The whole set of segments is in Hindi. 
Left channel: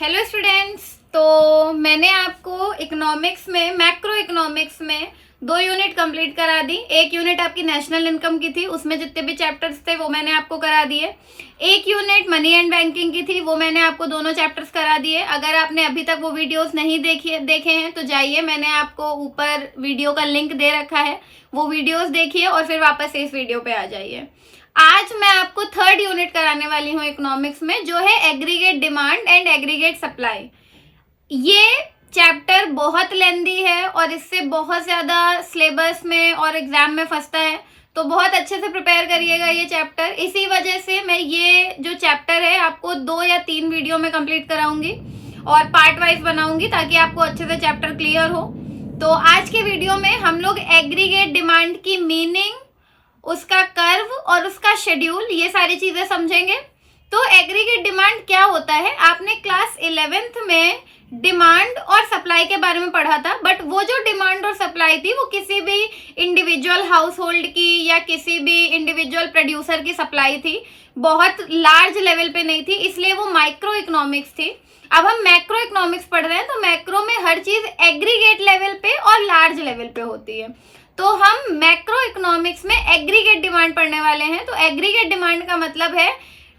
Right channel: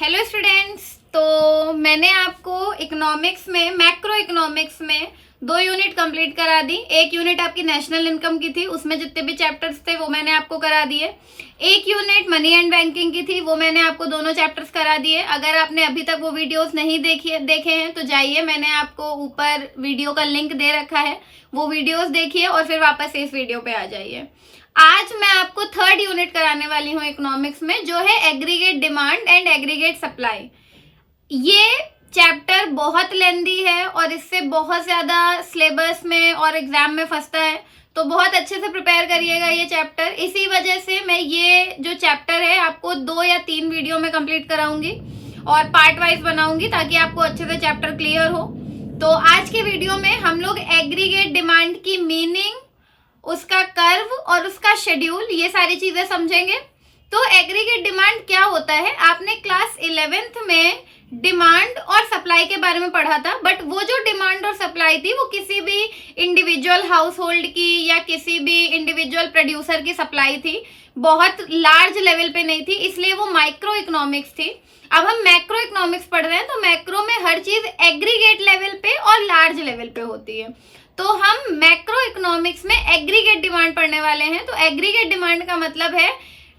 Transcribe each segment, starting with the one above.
Hello students. तो मैंने आपको इकोनॉमिक्स में मैक्रो इकोनॉमिक्स में 2 यूनिट कंप्लीट करा दी। एक यूनिट आपकी नेशनल इनकम की थी, उसमें जितने भी चैप्टर्स थे वो मैंने आपको करा दिए। एक यूनिट मनी एंड बैंकिंग की थी, वो मैंने आपको दोनों चैप्टर्स करा दिए। अगर आपने अभी तक वो वीडियोस नहीं देखे हैं तो जाइए, मैंने आपको ऊपर वीडियो का लिंक दे रखा है, वो वीडियोस देखिए और फिर वापस से इस वीडियो पे आ जाइए। आज मैं आपको 3rd यूनिट कराने वाली हूँ इकोनॉमिक्स में, जो है aggregate demand and aggregate supply. ये चैप्टर बहुत लेंदी है और इससे बहुत ज्यादा सिलेबस में और एग्जाम में फंसता है, तो बहुत अच्छे से प्रिपेयर करिएगा ये चैप्टर। इसी वजह से मैं ये जो चैप्टर है आपको 2 या 3 वीडियो में कंप्लीट कराऊंगी और पार्ट वाइज बनाऊंगी ताकि आपको अच्छे से चैप्टर क्लियर हो। तो आज के वीडियो में हम लोग एग्रीगेट डिमांड की मीनिंग, उसका कर्व और उसका शेड्यूल, ये सारी चीजें समझेंगे। तो एग्रीगेट डिमांड क्या होता है, आपने क्लास 11th में डिमांड और सप्लाई के बारे में पढ़ा था, बट वो जो डिमांड और सप्लाई थी वो किसी भी इंडिविजुअल हाउस होल्ड की या किसी भी इंडिविजुअल प्रोड्यूसर की सप्लाई थी, बहुत लार्ज लेवल पे नहीं थी, इसलिए वो माइक्रो इकोनॉमिक्स थी। अब हम मैक्रो इकोनॉमिक्स पढ़ रहे हैं, तो मैक्रो में हर चीज एग्रीगेट लेवल पे और लार्ज लेवल पे होती है। तो हम मैक्रो इकोनॉमिक्स में एग्रीगेट डिमांड पढ़ने वाले हैं। तो एग्रीगेट डिमांड का मतलब है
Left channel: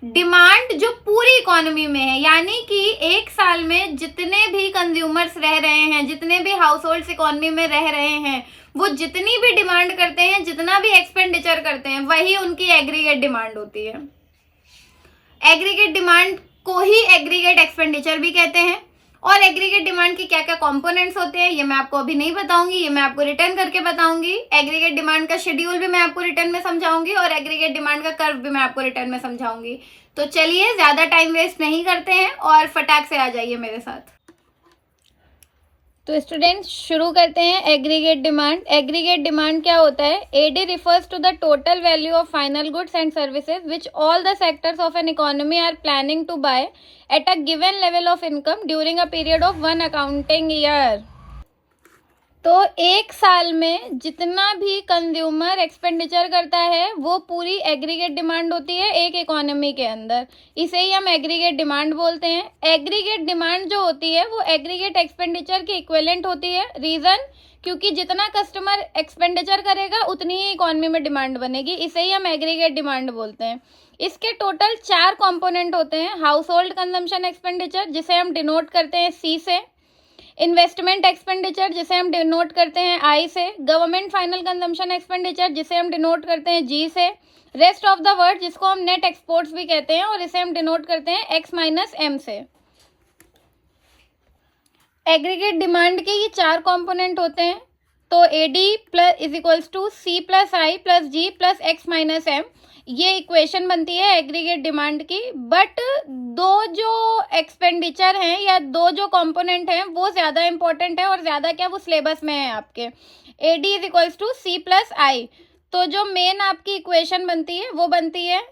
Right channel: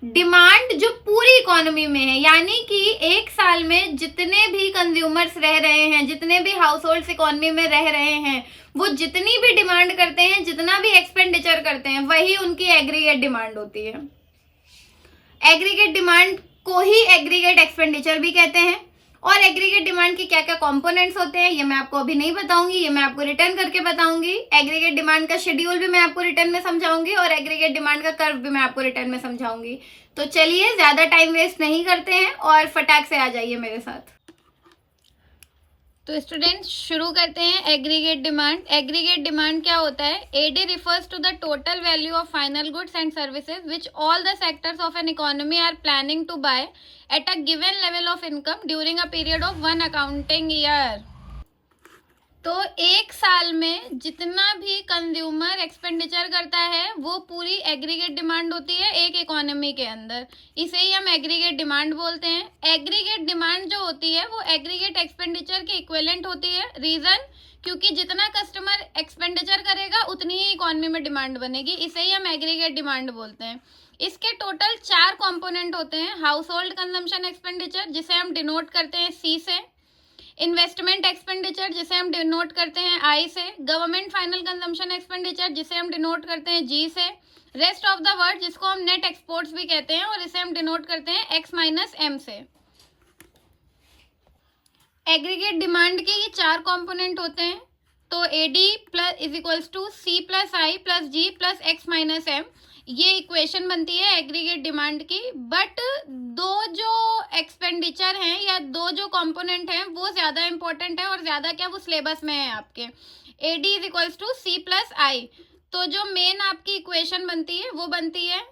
डिमांड जो पूरी इकोनॉमी में है, यानी कि एक साल में जितने भी कंज्यूमर्स रह रहे हैं, जितने भी हाउस होल्ड इकोनॉमी में रह रहे हैं, वो जितनी भी डिमांड करते हैं, जितना भी एक्सपेंडिचर करते हैं, वही उनकी एग्रीगेट डिमांड होती है। एग्रीगेट डिमांड को ही एग्रीगेट एक्सपेंडिचर भी कहते हैं। और एग्रीगेट डिमांड के क्या क्या कंपोनेंट्स होते हैं ये मैं आपको अभी नहीं बताऊंगी, ये मैं आपको रिटर्न करके बताऊंगी। एग्रीगेट डिमांड का शेड्यूल भी मैं आपको रिटर्न में समझाऊंगी और एग्रीगेट डिमांड का कर्व भी मैं आपको रिटर्न में समझाऊंगी। तो चलिए ज्यादा टाइम वेस्ट नहीं करते हैं और फटाक से आ जाइए मेरे साथ। तो स्टूडेंट्स शुरू करते हैं एग्रीगेट डिमांड। एग्रीगेट डिमांड क्या होता है? AD refers to the total value of final goods and services which all the sectors of an economy are planning to buy at a given level of income during a period of 1 accounting year. तो एक साल में जितना भी कंज्यूमर एक्सपेंडिचर करता है वो पूरी एग्रीगेट डिमांड होती है एक इकोनॉमी के अंदर, इसे ही हम एग्रीगेट डिमांड बोलते हैं। एग्रीगेट डिमांड जो होती है वो एग्रीगेट एक्सपेंडिचर की इक्विवेलेंट होती है। रीजन, क्योंकि जितना कस्टमर एक्सपेंडिचर करेगा उतनी ही इकोनॉमी में डिमांड बनेगी, इसे ही हम एग्रीगेट डिमांड बोलते हैं। इसके टोटल 4 कंपोनेंट होते हैं। हाउस होल्ड कंजम्पशन एक्सपेंडिचर, जिसे हम डिनोट करते हैं सी से। इन्वेस्टमेंट एक्सपेंडिचर, जिसे हम डिनोट करते हैं आई से। गवर्नमेंट फाइनल कंजम्पशन एक्सपेंडिचर, जिसे हम डिनोट करते हैं जी से। रेस्ट ऑफ द वर्ल्ड, जिसको हम नेट एक्सपोर्ट्स भी कहते हैं और इसे हम डिनोट करते हैं एक्स माइनस एम से। एग्रीगेट डिमांड के ये 4 कंपोनेंट होते हैं। तो AD plus is equals to C plus I plus G plus X minus M, ये इक्वेशन बनती है एग्रीगेट डिमांड की। बट 2 जो एक्सपेंडिचर हैं या 2 जो कंपोनेंट हैं वो ज़्यादा इंपॉर्टेंट है, और ज़्यादा क्या, वो सिलेबस में है आपके। AD is equals to C plus I, तो जो मेन आपकी इक्वेशन बनती है वो बनती है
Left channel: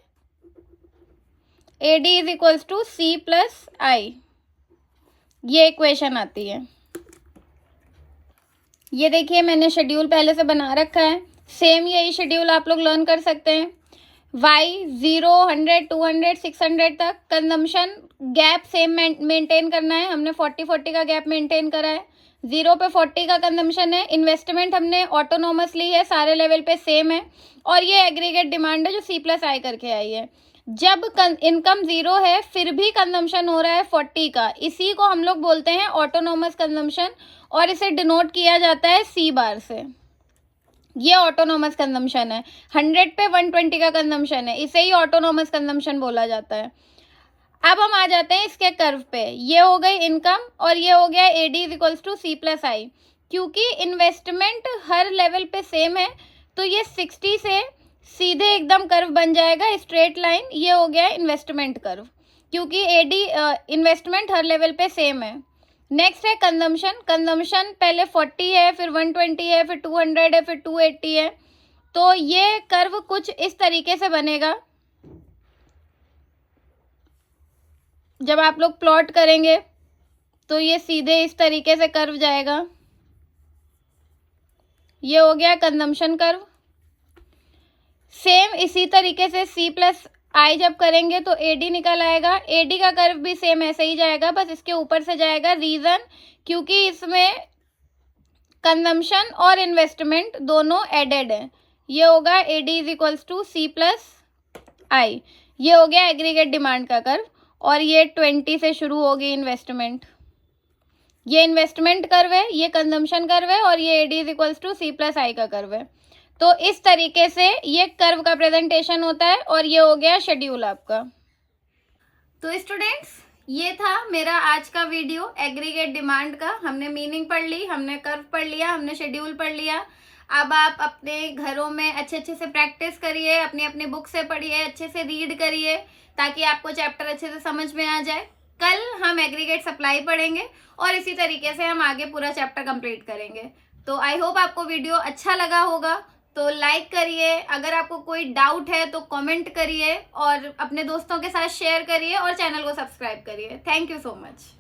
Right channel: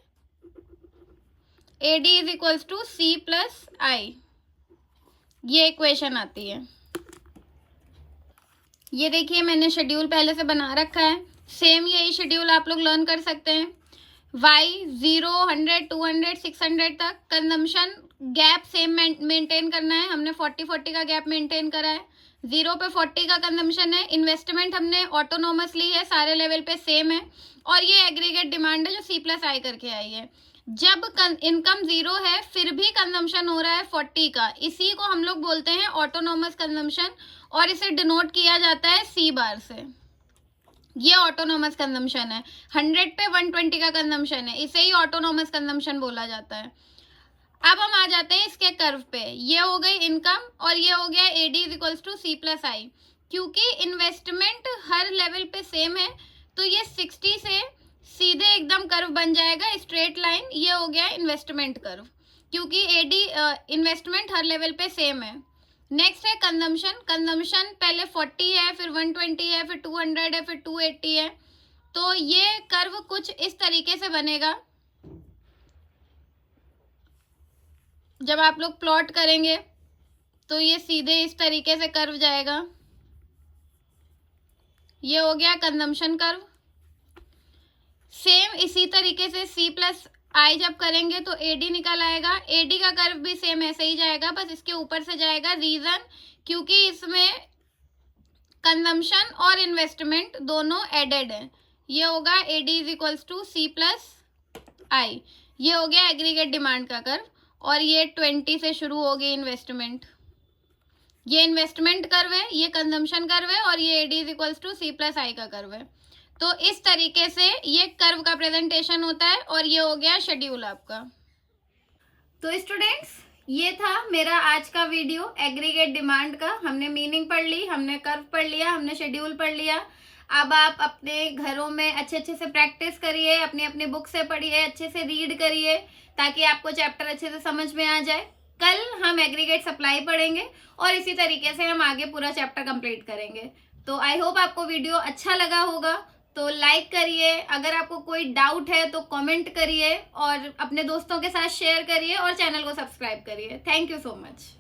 AD is equals to C plus I, ये इक्वेशन आती है। ये देखिए मैंने शेड्यूल पहले से बना रखा है, सेम यही शेड्यूल आप लोग लर्न कर सकते हैं। वाई 0, 100, 200, 600 तक कंजम्पशन गैप सेम मेंटेन करना है। हमने 40-40 का गैप मेंटेन करा है। 0 पे 40 का कंजम्पशन है। इन्वेस्टमेंट हमने ऑटोनोमसली है, सारे लेवल पे सेम है। और ये एग्रीगेट डिमांड है जो सी प्लस आई करके आई है। जब इनकम 0 है फिर भी कंजम्पशन हो रहा है 40 का, इसी को हम लोग बोलते हैं ऑटोनोमस कंजम्पशन, और इसे डिनोट किया जाता है सी बार से। ये ऑटोनोमस कंजम्पशन है। 100 पे 120 का कंजम्पशन है, इसे ही ऑटोनोमस कंजम्पशन बोला जाता है। अब हम आ जाते हैं इसके कर्व पे। ये हो गई इनकम और ये हो गया AD is equals to C plus I. क्योंकि इन्वेस्टमेंट हर लेवल पे सेम है तो ये 60 से सीधे एकदम कर्व बन जाएगा, स्ट्रेट लाइन। ये हो गया इन्वेस्टमेंट कर्व, क्योंकि एडी इन्वेस्टमेंट हर लेवल पे सेम है। नेक्स्ट है कंजम्पशन। कंजम्पशन पहले 40 है, फिर 120 है, फिर 200 है, फिर 280 है। तो ये कर्व कुछ इस तरीके से बनेगा। जब आप लोग प्लॉट करेंगे तो ये सीधे इस तरीके से कर्व जाएगा। ये हो गया कंजम्पशन कर्व। सेम इसी तरीके से सी प्लस आई जब करेंगे तो एडी निकल आएगा। एडी का कर्व भी सेम ऐसे ही जाएगा, बस इसके ऊपर से जाएगा। रीजन, क्योंकि इसमें कंजम्पशन और इन्वेस्टमेंट दोनों एडेड है। ये होगा AD is equals to C plus I. ये हो गया एग्रीगेट डिमांड का कर्व, और ये 20 से शुरू होगी इन्वेस्टमेंट। ये इन्वेस्टमेंट कर्व है, ये कंजम्पशन कर्व है, और ये AD is equals to C plus I का कर्व है। तो इस तरीके से ये कर्व का प्रेजेंटेशन होता है, और ये हो गया शेड्यूल आपका। तो स्टूडेंट्स, ये था मेरा आज का वीडियो एग्रीगेट डिमांड का। हमने मीनिंग पढ़ ली, हमने कर्व पढ़ लिया, हमने शेड्यूल पढ़ लिया। अब आप अपने घरों में अच्छे से प्रैक्टिस करिए, अपनी अपनी बुक से पढ़िए, अच्छे से रीड करिए, ताकि आपको चैप्टर अच्छे से समझ में आ जाए। कल हम एग्रीगेट सप्लाई पढ़ेंगे, और इसी तरीके से हम आगे पूरा चैप्टर कंप्लीट करेंगे। तो आई होप आपको वीडियो अच्छा लगा होगा। तो लाइक करिए, अगर आपको कोई डाउट है तो कमेंट करिए, और अपने दोस्तों के साथ शेयर करिए, और चैनल को सब्सक्राइब करिए। Thank you so much.